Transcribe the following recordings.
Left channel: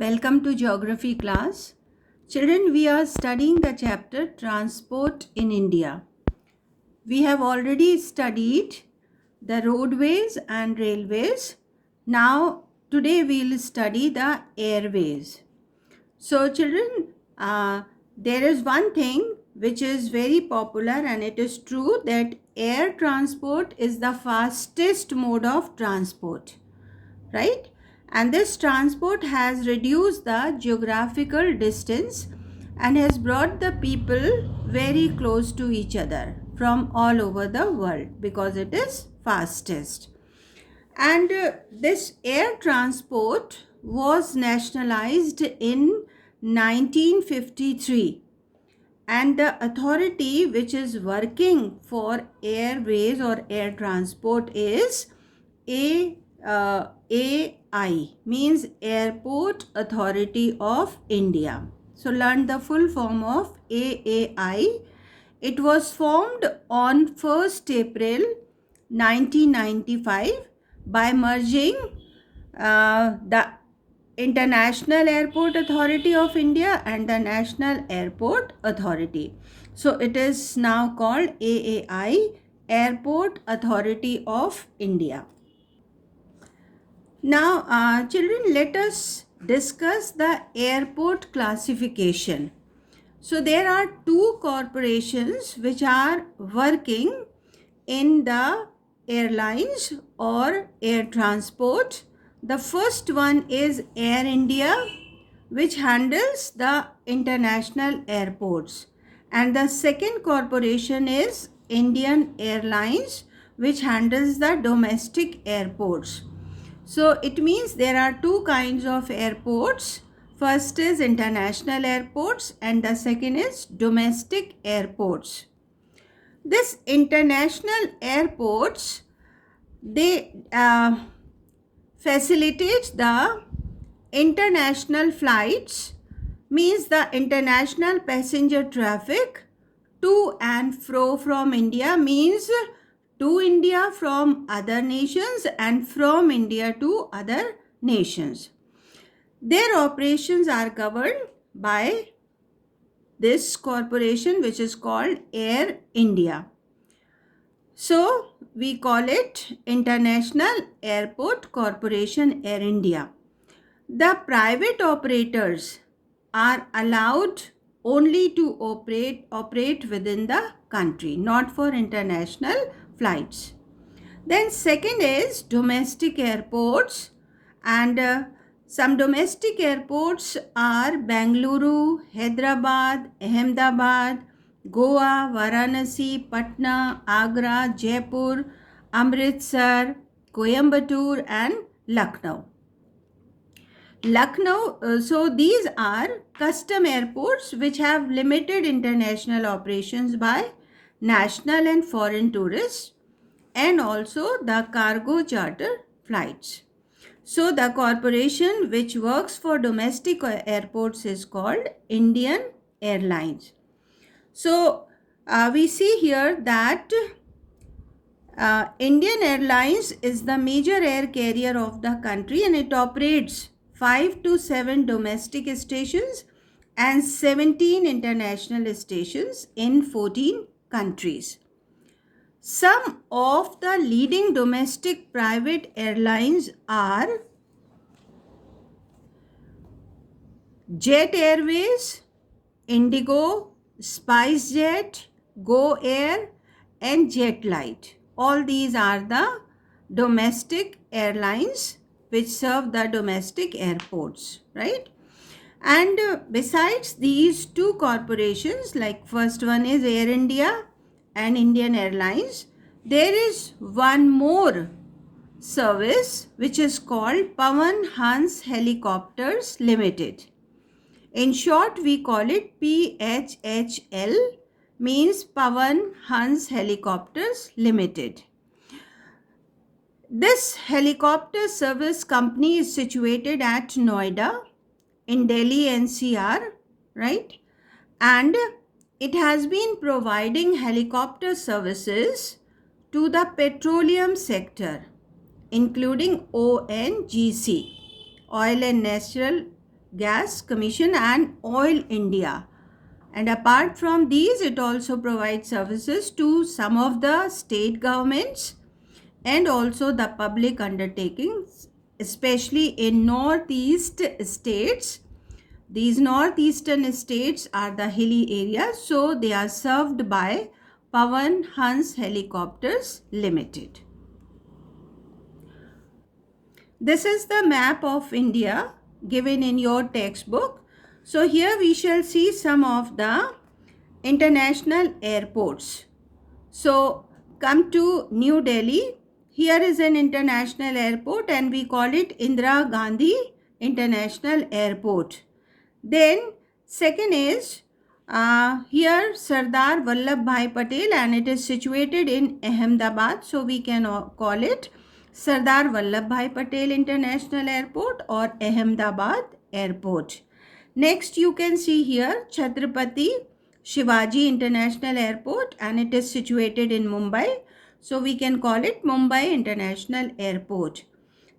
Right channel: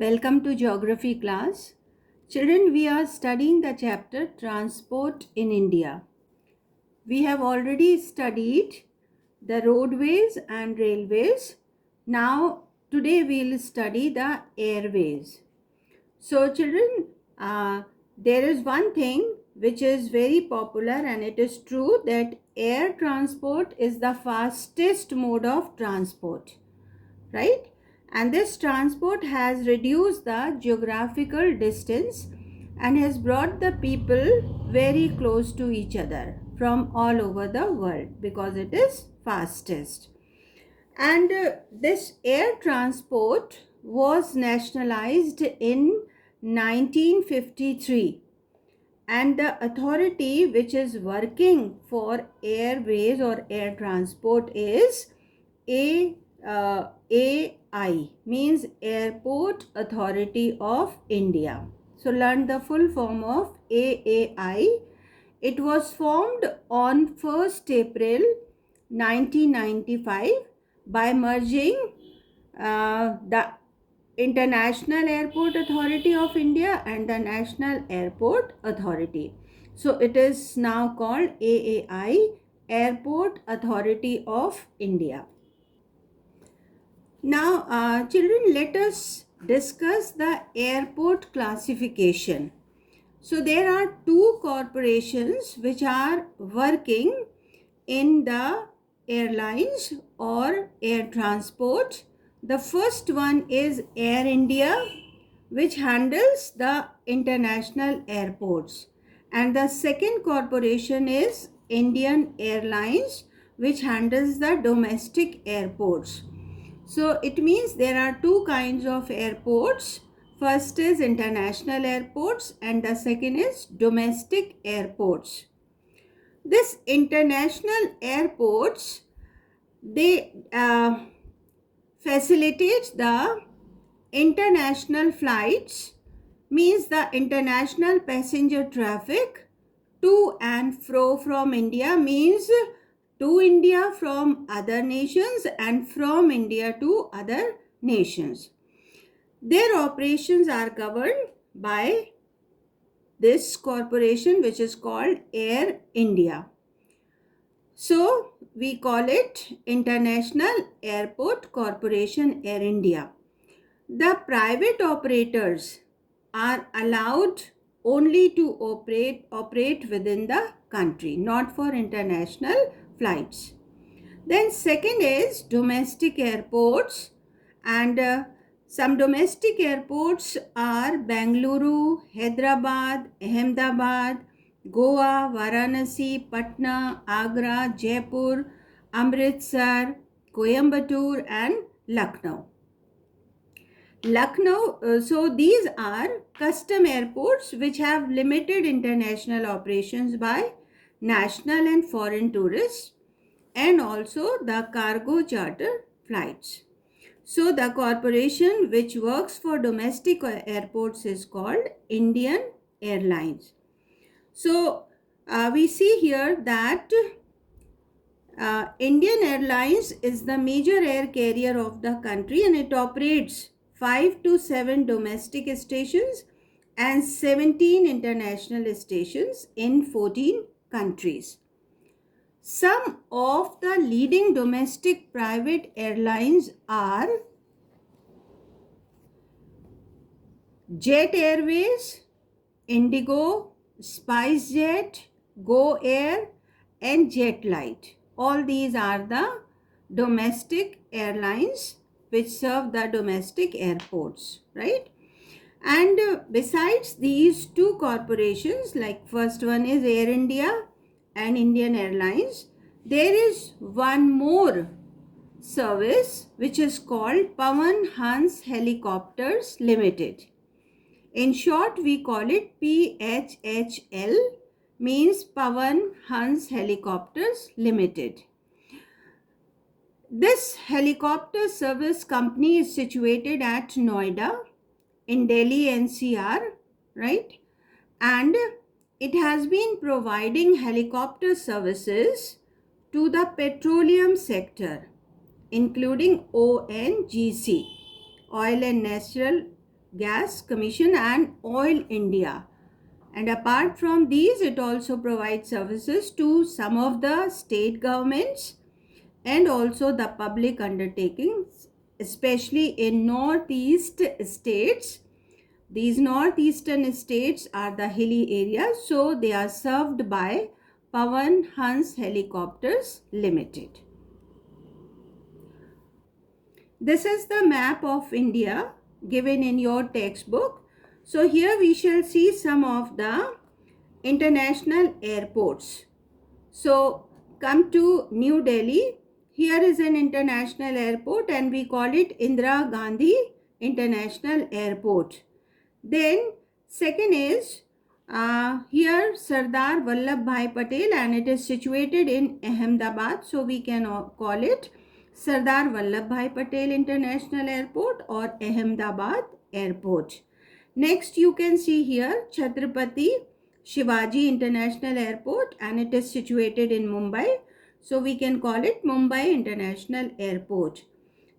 Welcome to Geography class. Children, we are studying the chapter Transport in India. We have already studied the roadways and railways. Now, today we will study the airways. So, children, there is one thing which is very popular, and it is true that air transport is the fastest mode of transport, right? And this transport has reduced the geographical distance and has brought the people very close to each other from all over the world because it is fastest. And this air transport was nationalized in 1953, and the authority which is working for airways or air transport is AI, means Airport Authority of India. So learn the full form of AAI. It was formed on 1st April 1995 by merging the International Airport Authority of India and the National Airport Authority. So it is now called AAI, Airport Authority of India. Now, children, let us discuss the airport classification. So there are two corporations which are working in the airlines or air transport. The first one is Air India, which handles the international airports, and the second corporation is Indian Airlines, which handles the domestic airports. So it means there are two kinds of airports. First is international airports and the second is domestic airports. This international airports, they facilitate the international flights, means the international passenger traffic to and fro from India, means to India from other nations and from India to other nations. Their operations are governed by this corporation which is called Air India. So we call it International Airport Corporation, Air India. The private operators are allowed only to operate within the country, not for international flights. Then second is domestic airports, and some domestic airports are Bengaluru, Hyderabad, Ahmedabad, Goa, Varanasi, Patna, Agra, Jaipur, Amritsar, Coimbatore and Lucknow. So these are custom airports which have limited international operations by national and foreign tourists, and also the cargo charter flights. So the corporation which works for domestic airports is called Indian Airlines. So we see here that Indian Airlines is the major air carrier of the country, and it operates 5 to 7 domestic stations and 17 international stations in 14 countries. Some of the leading domestic private airlines are Jet Airways, Indigo, SpiceJet, Go Air and Jetlight. All these are the domestic airlines which serve the domestic airports, right? And besides these two corporations, like first one is Air India and Indian Airlines, there is one more service which is called Pawan Hans Helicopters Limited. In short, we call it PHHL, means Pawan Hans Helicopters Limited. This helicopter service company is situated at Noida in Delhi NCR, right? And it has been providing helicopter services to the petroleum sector, including ONGC, oil and natural Gas Commission and Oil India. And apart from these, it also provides services to some of the state governments and also the public undertakings, especially in northeast states. These northeastern states are the hilly areas, so they are served by Pawan Hans Helicopters Limited. This is the map of India given in your textbook. So here we shall see some of the international airports. So come to New Delhi. Here is an international airport and we call it Indira Gandhi International Airport. Then second is here Sardar Vallabhbhai Patel, and it is situated in Ahmedabad. So we can call it Sardar Vallabhbhai Patel International Airport or Ahmedabad Airport. Next you can see here Chhatrapati Shivaji International Airport, and it is situated in Mumbai. So we can call it Mumbai International Airport.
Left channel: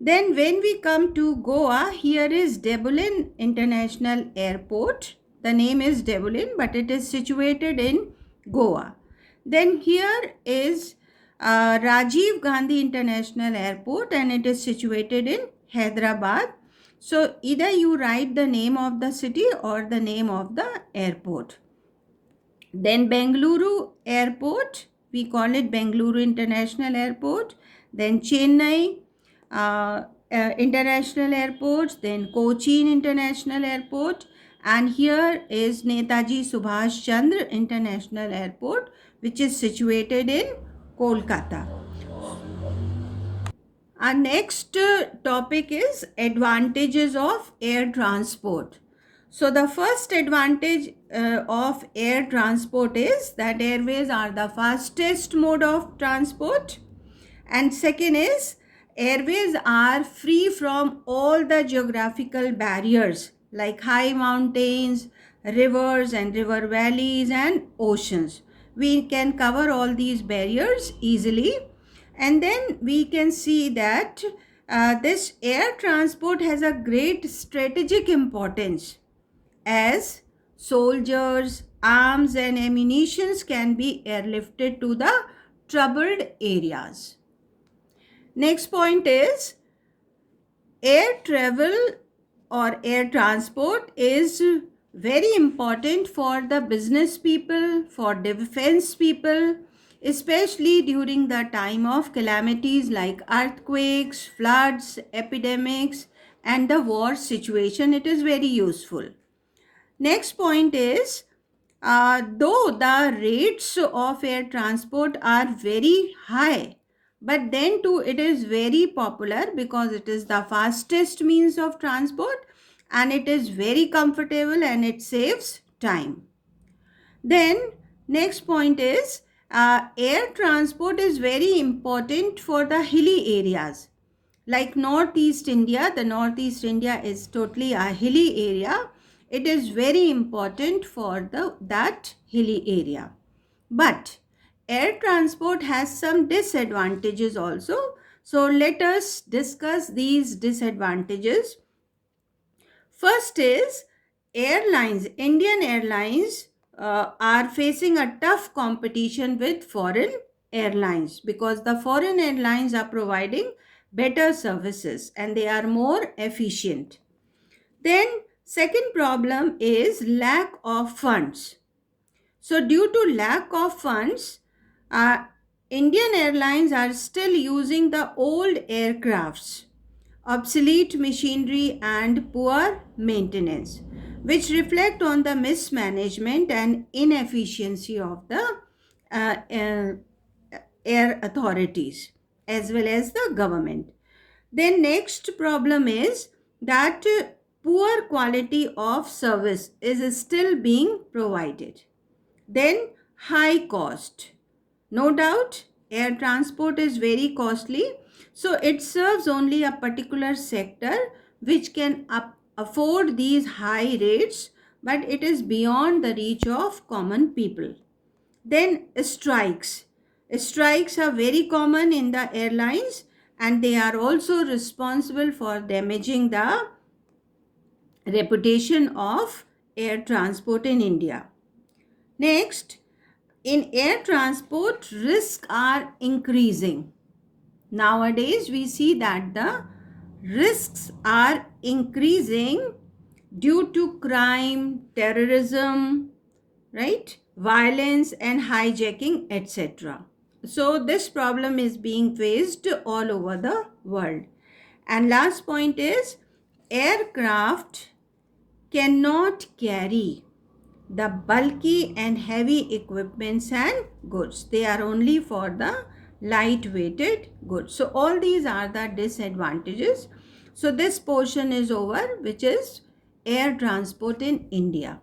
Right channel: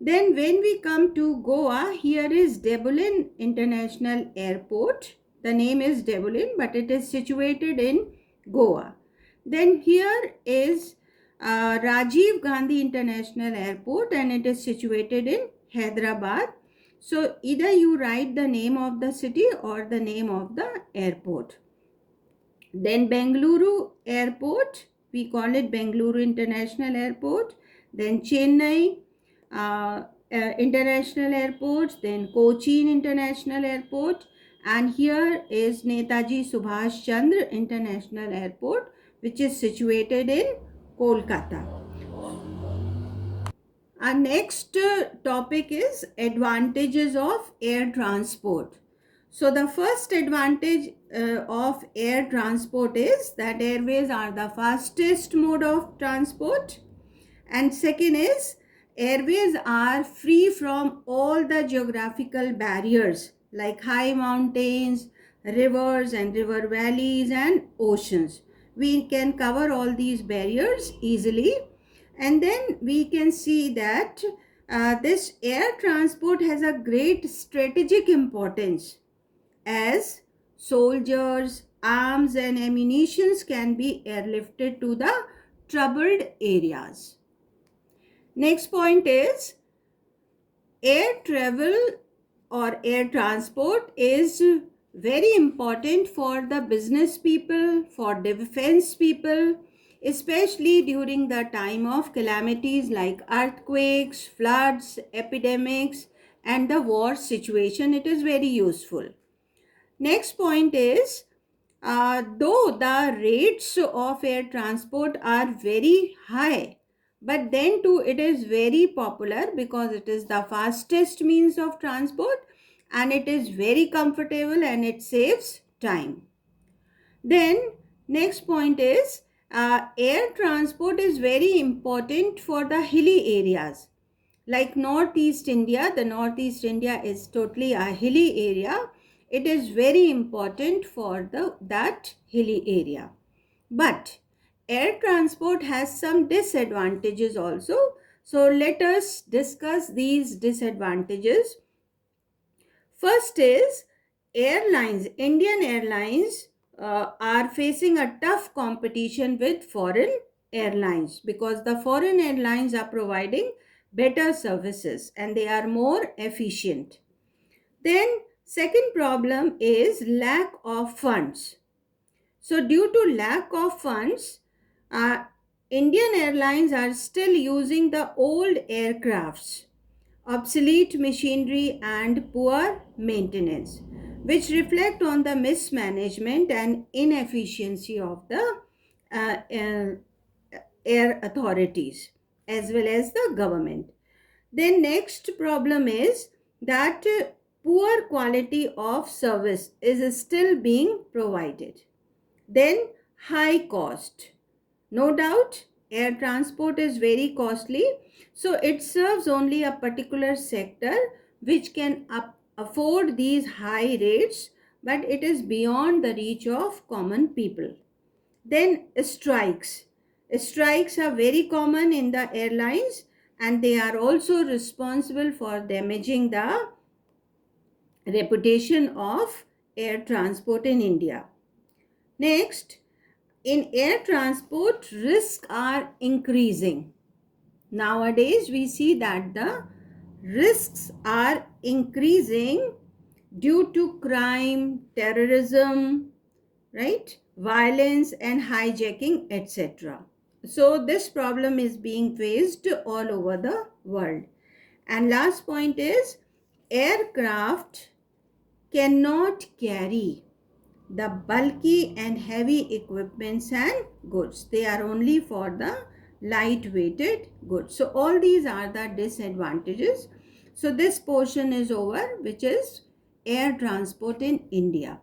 Then when we come to Goa, here is Debulin International Airport. The name is Debulin, but it is situated in Goa. Then here is Rajiv Gandhi International Airport, and it is situated in Hyderabad. So either you write the name of the city or the name of the airport. Then Bengaluru Airport, we call it Bengaluru International Airport. Then Chennai International Airport, then Cochin International Airport, and here is Netaji Subhash Chandra International Airport, which is situated in Kolkata. Our next topic is advantages of air transport. So the first advantage of air transport is that airways are the fastest mode of transport. And second is airways are free from all the geographical barriers like high mountains, rivers and river valleys and oceans. We can cover all these barriers easily. And then we can see that this air transport has a great strategic importance, as soldiers, arms and ammunitions can be airlifted to the troubled areas. Next point is air travel or air transport is very important for the business people, for defense people, especially during the time of calamities like earthquakes, floods, epidemics and the war situation. It is very useful. Next point is though the rates of air transport are very high, but then too it is very popular because it is the fastest means of transport and it is very comfortable and it saves time. Then next point is air transport is very important for the hilly areas like Northeast India. The Northeast India is totally a hilly area. It is very important for that hilly area. But air transport has some disadvantages also. So let us discuss these disadvantages. First is airlines. Indian Airlines are facing a tough competition with foreign airlines because the foreign airlines are providing better services and they are more efficient. Then second problem is lack of funds. So due to lack of funds, Indian Airlines are still using the old aircrafts, obsolete machinery and poor maintenance, which reflect on the mismanagement and inefficiency of the air authorities as well as the government. Then next problem is that poor quality of service is still being provided. Then high cost. No doubt air transport is very costly, so it serves only a particular sector which can afford these high rates, but it is beyond the reach of common people. Then strikes. Strikes are very common in the airlines and they are also responsible for damaging the reputation of air transport in India. Next, in air transport, risks are increasing. Nowadays, we see that the risks are increasing due to crime, terrorism, right? Violence and hijacking, etc. So, this problem is being faced all over the world. And last point is aircraft cannot carry the bulky and heavy equipments and goods. They are only for the light-weighted goods. So all these are the disadvantages. So this portion is over, which is air transport in India.